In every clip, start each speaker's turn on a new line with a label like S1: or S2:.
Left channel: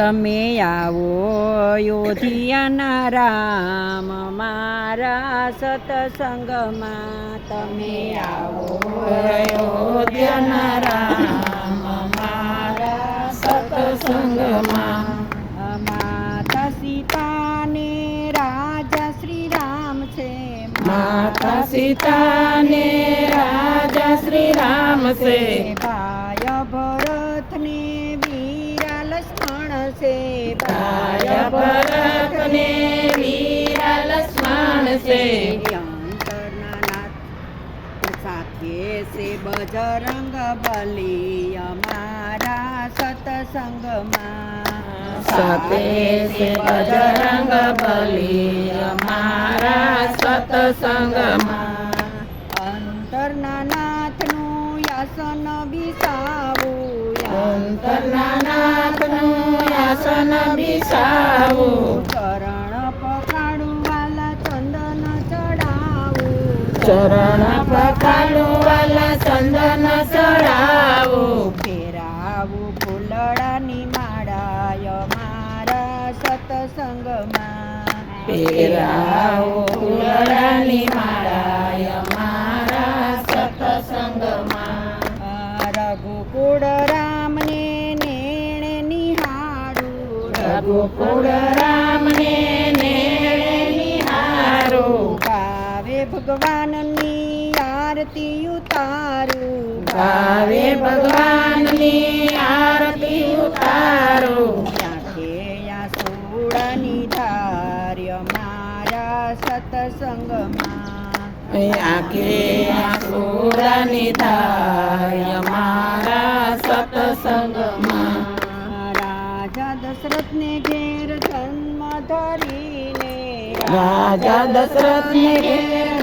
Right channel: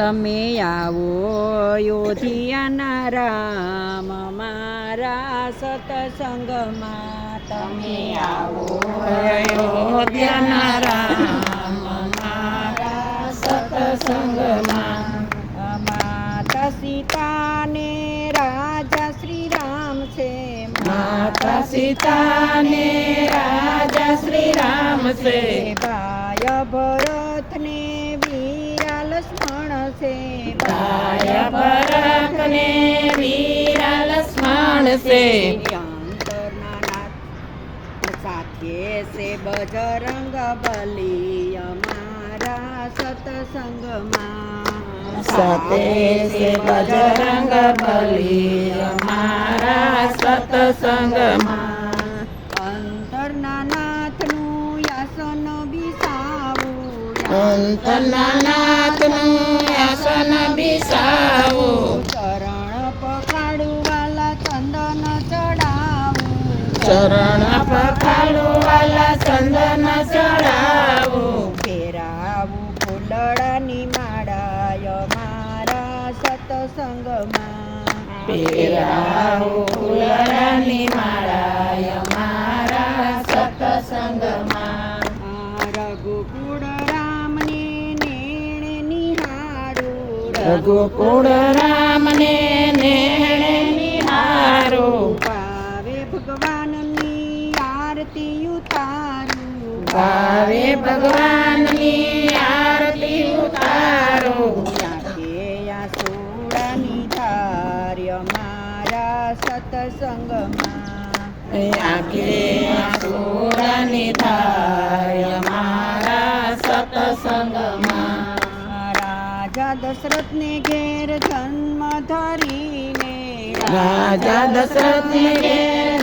S1: તમે આવો યોધિયાના રામ, મારા સતસંગમાં તમે આવો.
S2: યોધિયાના રામ, મારા સતસંગમાં
S1: માતા સીતાને રાજા શ્રી રામ છે.
S2: માતા સીતાને રાજા શ્રી રામ છે.
S1: ભાય ભરતને વીરા લક્ષ્મણ છે
S2: ભાય ભરતને વીરા લક્ષ્મણ છે
S1: અંતરના નાથ સાથે છે બજરંગ બલી અમારા સતસંગમાં.
S2: સાથે છે બજરંગ બલી અમારા સત્સંગમાં.
S1: અંતરના નાથનું યાસન બિસાવું
S2: અંતરના નાથનું આસન બિસાવું
S1: ચરણ પકડું વાલા ચંદન ચડાવો
S2: ચરણ પખાલું વાલા ચંદન ચડાવો.
S1: ફેરાવો ફૂલડાની માળાય મારા સતસંગમાં.
S2: ફેરાવો ફૂલડાની માળાય.
S1: રઘુકુળ રામને નેણે
S2: નિહારું.
S1: ભાવે ભગવાનની આરતી ઉતારું.
S2: ભાવે ભગવાનની આરતી ઉતારો.
S1: આખે સતસંગમાં.
S2: આંખે થાય મારા
S1: દશરથને ઘેર જન્મ ધરીને
S2: રાજા દશરથને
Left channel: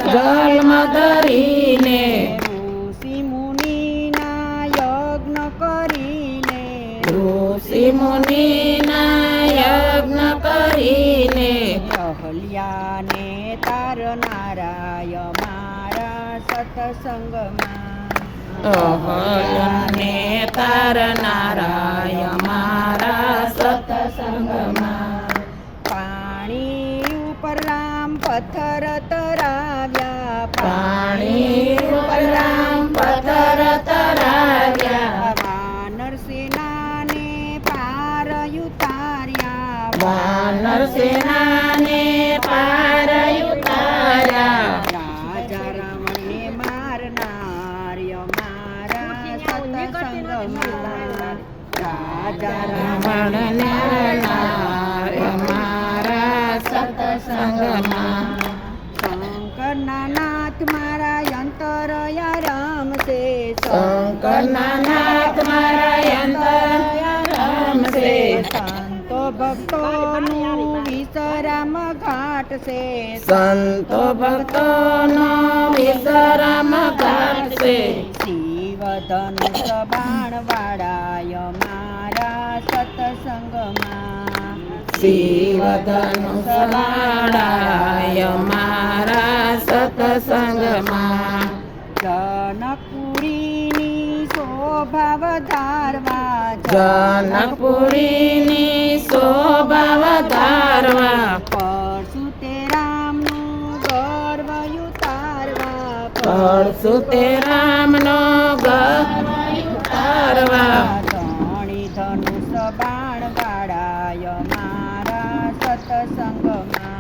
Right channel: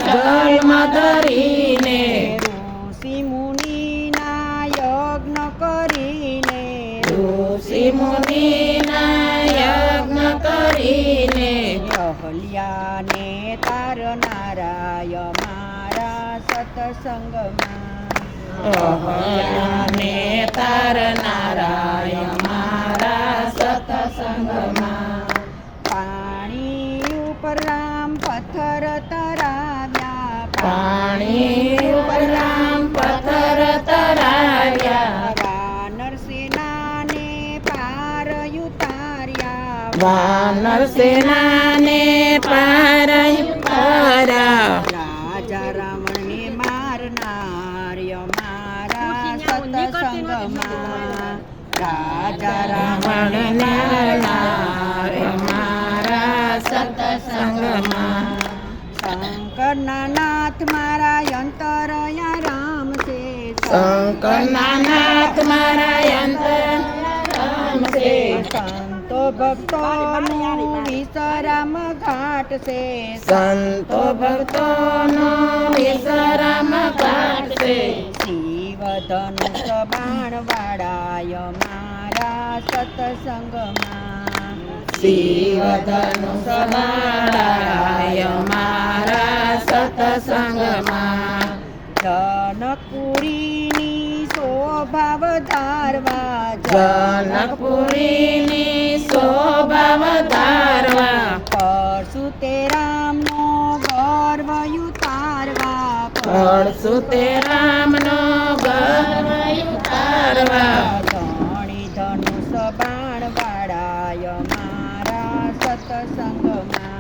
S2: જન્મ ધરીને
S1: ઋષિ મુનિના યજ્ઞ કરીને
S2: ઋષિ મુનિના યજ્ઞ કરીને
S1: અહલ્યાને તારનારાય મારા સત્સંગમાં.
S2: અહલ્યાને તારનારાય મારા
S1: પથ્થર તરાવ્યા
S2: પાણી ઉપરામ પથ્થર તરાવ્યા.
S1: વાનર સેનાને પાર ઉતાર્યા
S2: વાનર સેનાને પાર ઉતાર્યા
S1: રાજા રાવણને મારનાર્ય મારા સત્સંગમાં. રાજા
S2: રાવણને મારા સત્સંગમાં.
S1: શંકરના નાથ મારા છે. સંતો ભક્તોનું વિશ્રામ ઘાટ છે.
S2: સંતો ભક્તોનો વિશ્રામ ઘાટ છે.
S1: શિવ ધનુષ બાણ વાળાય મારા સત્સંગમાં.
S2: શિવ સબાણ વાળાય મારા સત્સંગમાં.
S1: જનકપુરીની શોભા વધારવા
S2: જનકપુરીની શોભા વધારવા
S1: પરશુ તે રામનો ગર્વ ઉતારવા
S2: પરશુ તે રામનો ગર્વ ઉતારવા
S1: ધણી ધનુષ બાણ વાળાય મારા સતસંગમાં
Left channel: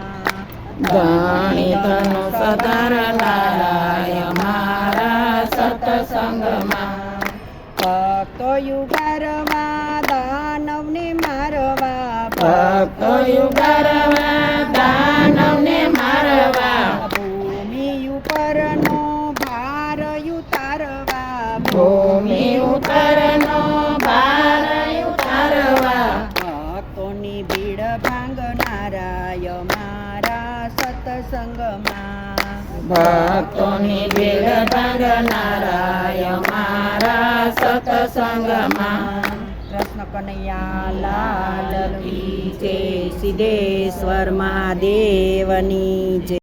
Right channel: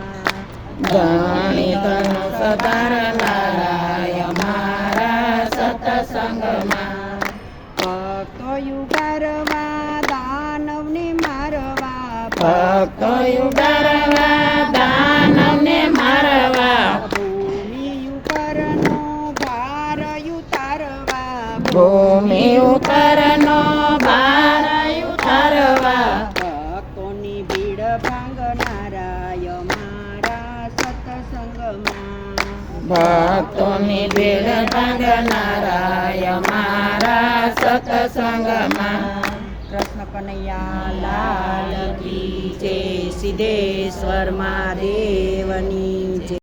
S2: ધણી ધનુષ ધરનારાય સત્સંગમાં
S1: ભક્તો યુગારવા દાનવને મારવા.
S2: ભક્તો યુગારવા દાનવને મારવા.
S1: ભૂમિ ઉપરનો ભાર ઉતારવા
S2: ભૂમિ ઉપરનો ભાર ભક્તોની ભીડ ભાંગનારાય મારા સત્સંગમાં.
S1: કૃષ્ણ કનૈયા લાલ કી જય સિદ્ધેશ્વર મહાદેવની જય.